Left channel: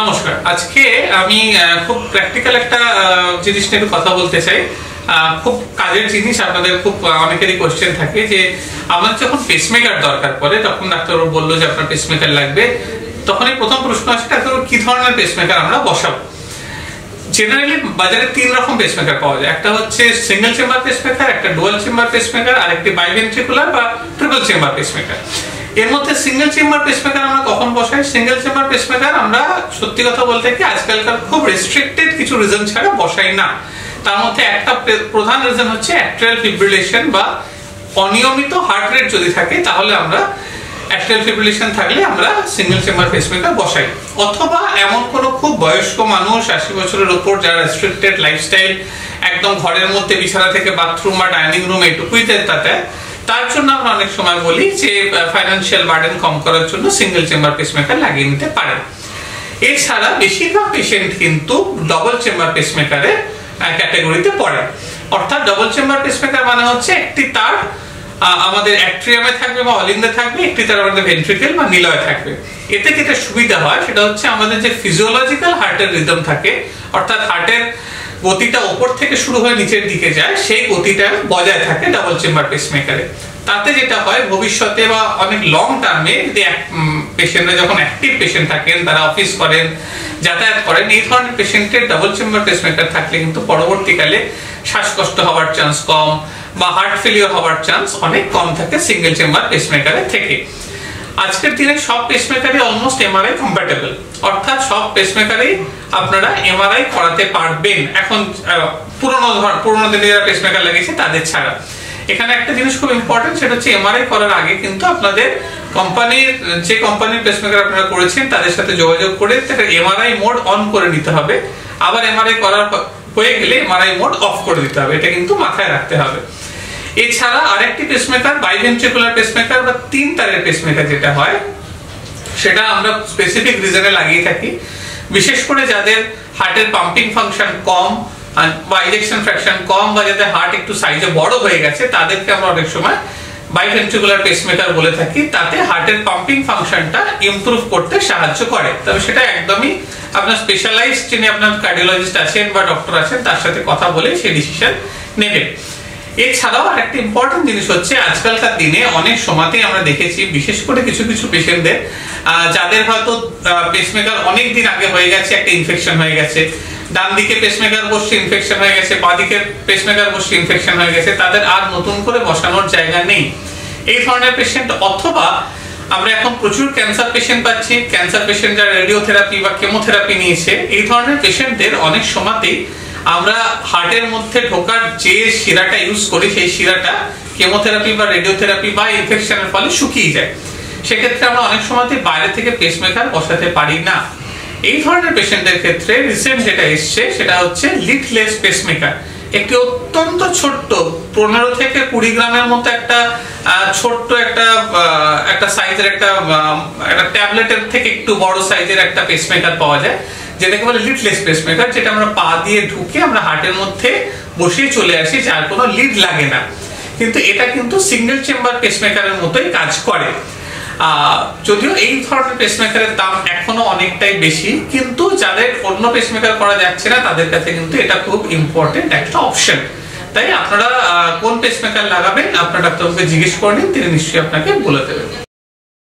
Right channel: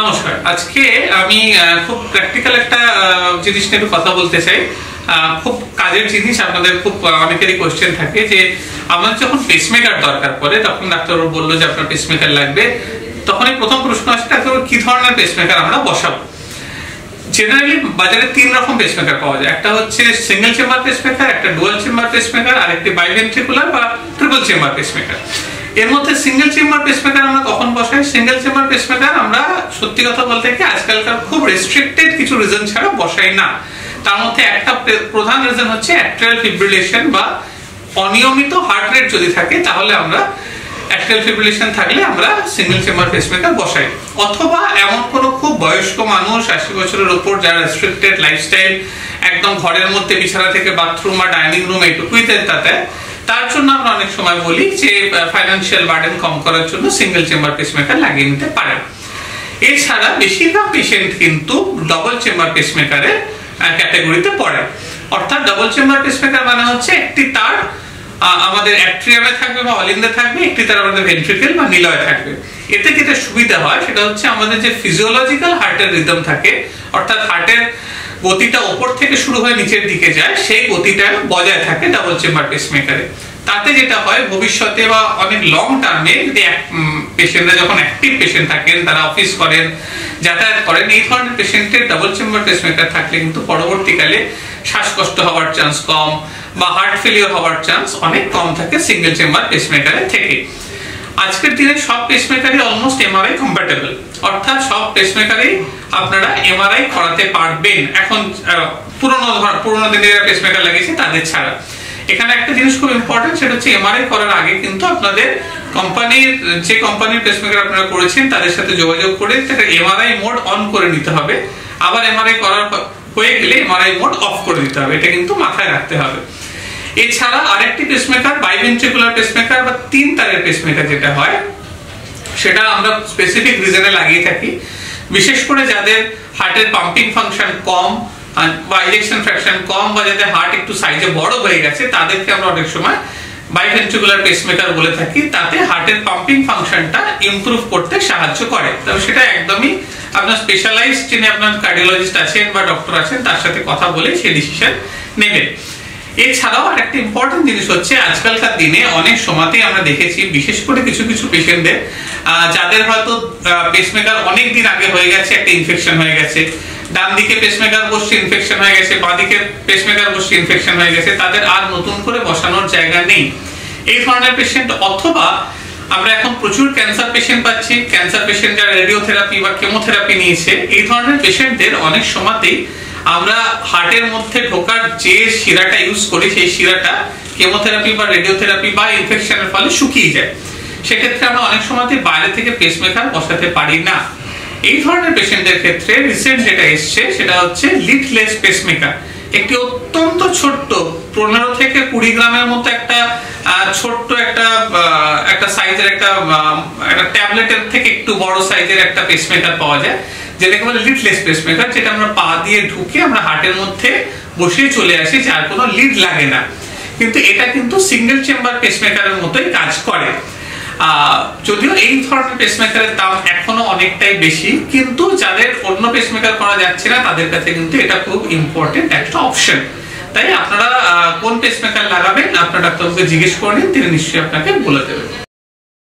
নমস্কার। আজকে আমি খুব প্র্যাকটিক্যাল একটা জিনিস নিয়ে কথা বলতে চাই। খুব কাজের জিনিস, আপনাদের খুব অনেকেরই কোশ্চেন থাকে যে আমার যখন পেসমেকার দরকার পড়ে তখন ডাক্তারবাবু বললো যে আপনার পেসমেকার লাগবে, তখনই প্রথম প্রশ্ন আসে ডাক্তারবাবু কি ধরনের পেসমেকার আমরা বসাবো। জেনারেলি বাজারে তিন রকম পেসমেকার পাওয়া যায়, একটা হচ্ছে সিঙ্গেল চেম্বার পেসমেকার, একটা ডুয়াল চেম্বার পেসমেকার, আর একটি বাইভেন্ট্রিকুলার বা ট্রিপল চেম্বার পেসমেকার। এর মধ্যে সিঙ্গেল চেম্বার পেসমেকার আমরা কখন বসাই? সিঙ্গেল চেম্বার পেসমেকার আমরা সত্যি কথা বলতে কি আজকালকার খুব রেস্ট্রিক্টেড কিছু রিজন ছাড়া বসাই না। তার মধ্যে একটা প্রধান রিজন হচ্ছে অ্যাট্রিয়াল ফিব্রিলেশন বা অনিয়মিত হার্ট রেট যদি থাকে তাহলে আমরা অ্যাট্রিয়াল ফিব্রিলেশন থাকলে আমরা সিঙ্গেল চেম্বার পেসমেকার বসাই। অথবা এমন কোনো খুব বয়স্ক মানুষ 80 বছরের উপর যারা রেস্ট্রিক্টেড লাইফস্টাইল, একদম ঘরের মধ্যে বিছানা থেকে বাথরুম বা ডাইনিং রুম এটুকুই তাতে, তার জন্য আমরা অনেক সময় বলি যে ফাইন্যান্সিয়াল বার্ডেন কম করার জন্য সিঙ্গেল চেম্বার পেসমেকার লাগিয়ে নিতে পারেন। এছাড়া বেশিরভাগ পেশেন্ট কিন্তু ডবল চেম্বার পেসমেকারের ক্যাটাগরিতে পড়ে। অর্থাৎ ডবল চেম্বার পেসমেকার মানে হচ্ছে একটি তার আমাদের অ্যাট্রিয়ামে থাকবে বা অলিন্দে থাকবে, একটি তার আমাদের ভেন্ট্রিকেল বা নিলয়ে থাকবে। এতে যেটা সুবিধা হয় সেটা হচ্ছে আমাদের যে ফিজিওলজিক্যাল হার্টের রিদম থাকে, অর্থাৎ হার্টের গতিটা উপর থেকে শুরু হয়ে নিচের দিকে যায়, সেই গতিটা বজায় থাকে ডাবল চেম্বার পেসমেকারে। তাতে যেটা হয় ভবিষ্যতে বা অনেক লং টার্মে যদি পেশেন্টরা যখন অ্যাক্টিভ পেশেন্ট থাকেন, তারা অফিস করেন, যাতায়াত করেন, এই ধরনের পেশেন্টের ডাবল চেম্বার পেসমেকার থাকলে কিন্তু পরবর্তীকালে শ্বাসকষ্ট হওয়ার চান্স কম বা হার্ট ফেলিওর হওয়ার চান্স অনেক কম থাকে সিঙ্গেল চেম্বার পেসমেকারের থেকে। আজকের দিনে সব পেসমেকারই অলমোস্ট এমআরআই কম্প্যাটেবল, অর্থাৎ সব পেসমেকারই আপনারা এমআরআই করাতে পারবেন এখন, পুরোনো দিনে যারা পেসমেকার লাগিয়েছে তাদের ছাড়া। এখানে একটা জিনিস খুব ইম্পর্টেন্ট, সেটা হচ্ছে এমআরআই করার আগে কিন্তু আপনাদের যে কোম্পানির পেসমেকার আপনারা করেছেন তাদের সাথে যোগাযোগ করে এমআরআই মোড অন করে নিতে হবে। আবার এমআরআই করার হয়ে গেলে এমআরআই মোড অফ করে দিতে হবে, এটা কিন্তু মাথায় রাখতে হবে। এছাড়া আরেকটি পেসমেকার বাইভেন্ট্রিকুলার পেসমেকার বা তিন তারের পেসমেকার যেটা হয়, সেটা আমরা স্পেসিফিক রিজনে লাগিয়ে থাকি। বিশেষ করে যাদের হার্টের পাম্পিং ফাংশন কম বা ইজেকশন ফ্র্যাকশন কম বা যাদের হার্ট একটু সাইজে বড় হয়ে গেছে তাদেরকে আমরা অনেক সময় বাইভেন্ট্রিকুলার পেসমেকার বলে থাকি। তাতে হার্টের পাম্পিং ফাংশনটা ইমপ্রুভ করতে সাহায্য করে। তবে সেটা একদমই আপনার স্পেশালাইজড যিনি আপনার কার্ডিওলজিস্ট আছেন বা ডক্টর আছেন তার সাথে কথা বলে সেই ডিসিশন নেবেন। এছাড়াও আরেকটা ইম্পর্টেন্ট জিনিস হচ্ছে আজকালকার দিনে অনেক সময়তেই আমরা দেখেছি, বিশেষ করে কিছু কিছু পেশেন্টদের যাদের হয়তো পেসমেকার অনেক দিন আগে হয়ে গেছে, একটা ইনফেকশন হয়ে গেছে, ডান দিকে পেসমেকার বসছে ইনফেকশন হয়ে গেছে, বাঁ দিকে পেসমেকার বসছে ইনফেকশন হয়ে গেছে, তাদের আর নতুন করে বসানোর জায়গা নেই। এই ধরনের পেশেন্ট, অথবা আমরা এখন প্রচুর ক্যান্সার পেশেন্ট পাচ্ছি, ক্যান্সার পেশেন্ট যারা রেডিওথেরাপি বা কেমোথেরাপি নিয়েছে, এই ধরনের পেশেন্টদের অনেক সময়তেই আমরা হার্টের মধ্যে ঢোকার যে শিরাটা ইউজ করি সেই শিরাটা কেমোথেরাপি বা রেডিওথেরাপি বা ইনফেকশনের ফলে শুকিয়ে যায়। সেক্ষেত্রে আমরা অনেক সময়তেই বাইরে থেকে পেসমেকার বসাতে পারি না। এই ধরনের পেশেন্টদের ক্ষেত্রে রিসেন্ট যেটা এসছে সেটা হচ্ছে লিডলেস পেসমেকার। একটি অত্যন্ত ছোট্ট 15 থেকে 20 গ্রামের মতো একটা ছোট্ট একটা সাইজের একটা ট্যাবলেটের থেকে একটু বড় সাইজের একটা পেসমেকার পাওয়া যায়, যেটাকে বলে লিডলেস পেসমেকার, যেটা আমরা পা দিয়ে ঢুকে আমরা হার্টের মধ্যে বসিয়ে চলে আসি, যার কোনো লিড লাগে না। কিন্তু এটা কিন্তু সিঙ্গেল চেম্বার পেসমেকারের মতোই কাজ করে। যদিও এই ধরনের পেসমেকারের দাম এখনো অনেকটাই বেশি, কিন্তু যাদের অন্য পেসমেকার করা যাচ্ছে না তাদের কাছে কিন্তু এটা খুব ইম্পর্টেন্ট একটা অপশন। তাই আপনারা কোন পেসমেকার লাগাবেন আপনার ডাক্তারবাবুকে জিজ্ঞেস করে নিন, তিনি নিশ্চয়ই আপনাকে বলে দেবেন।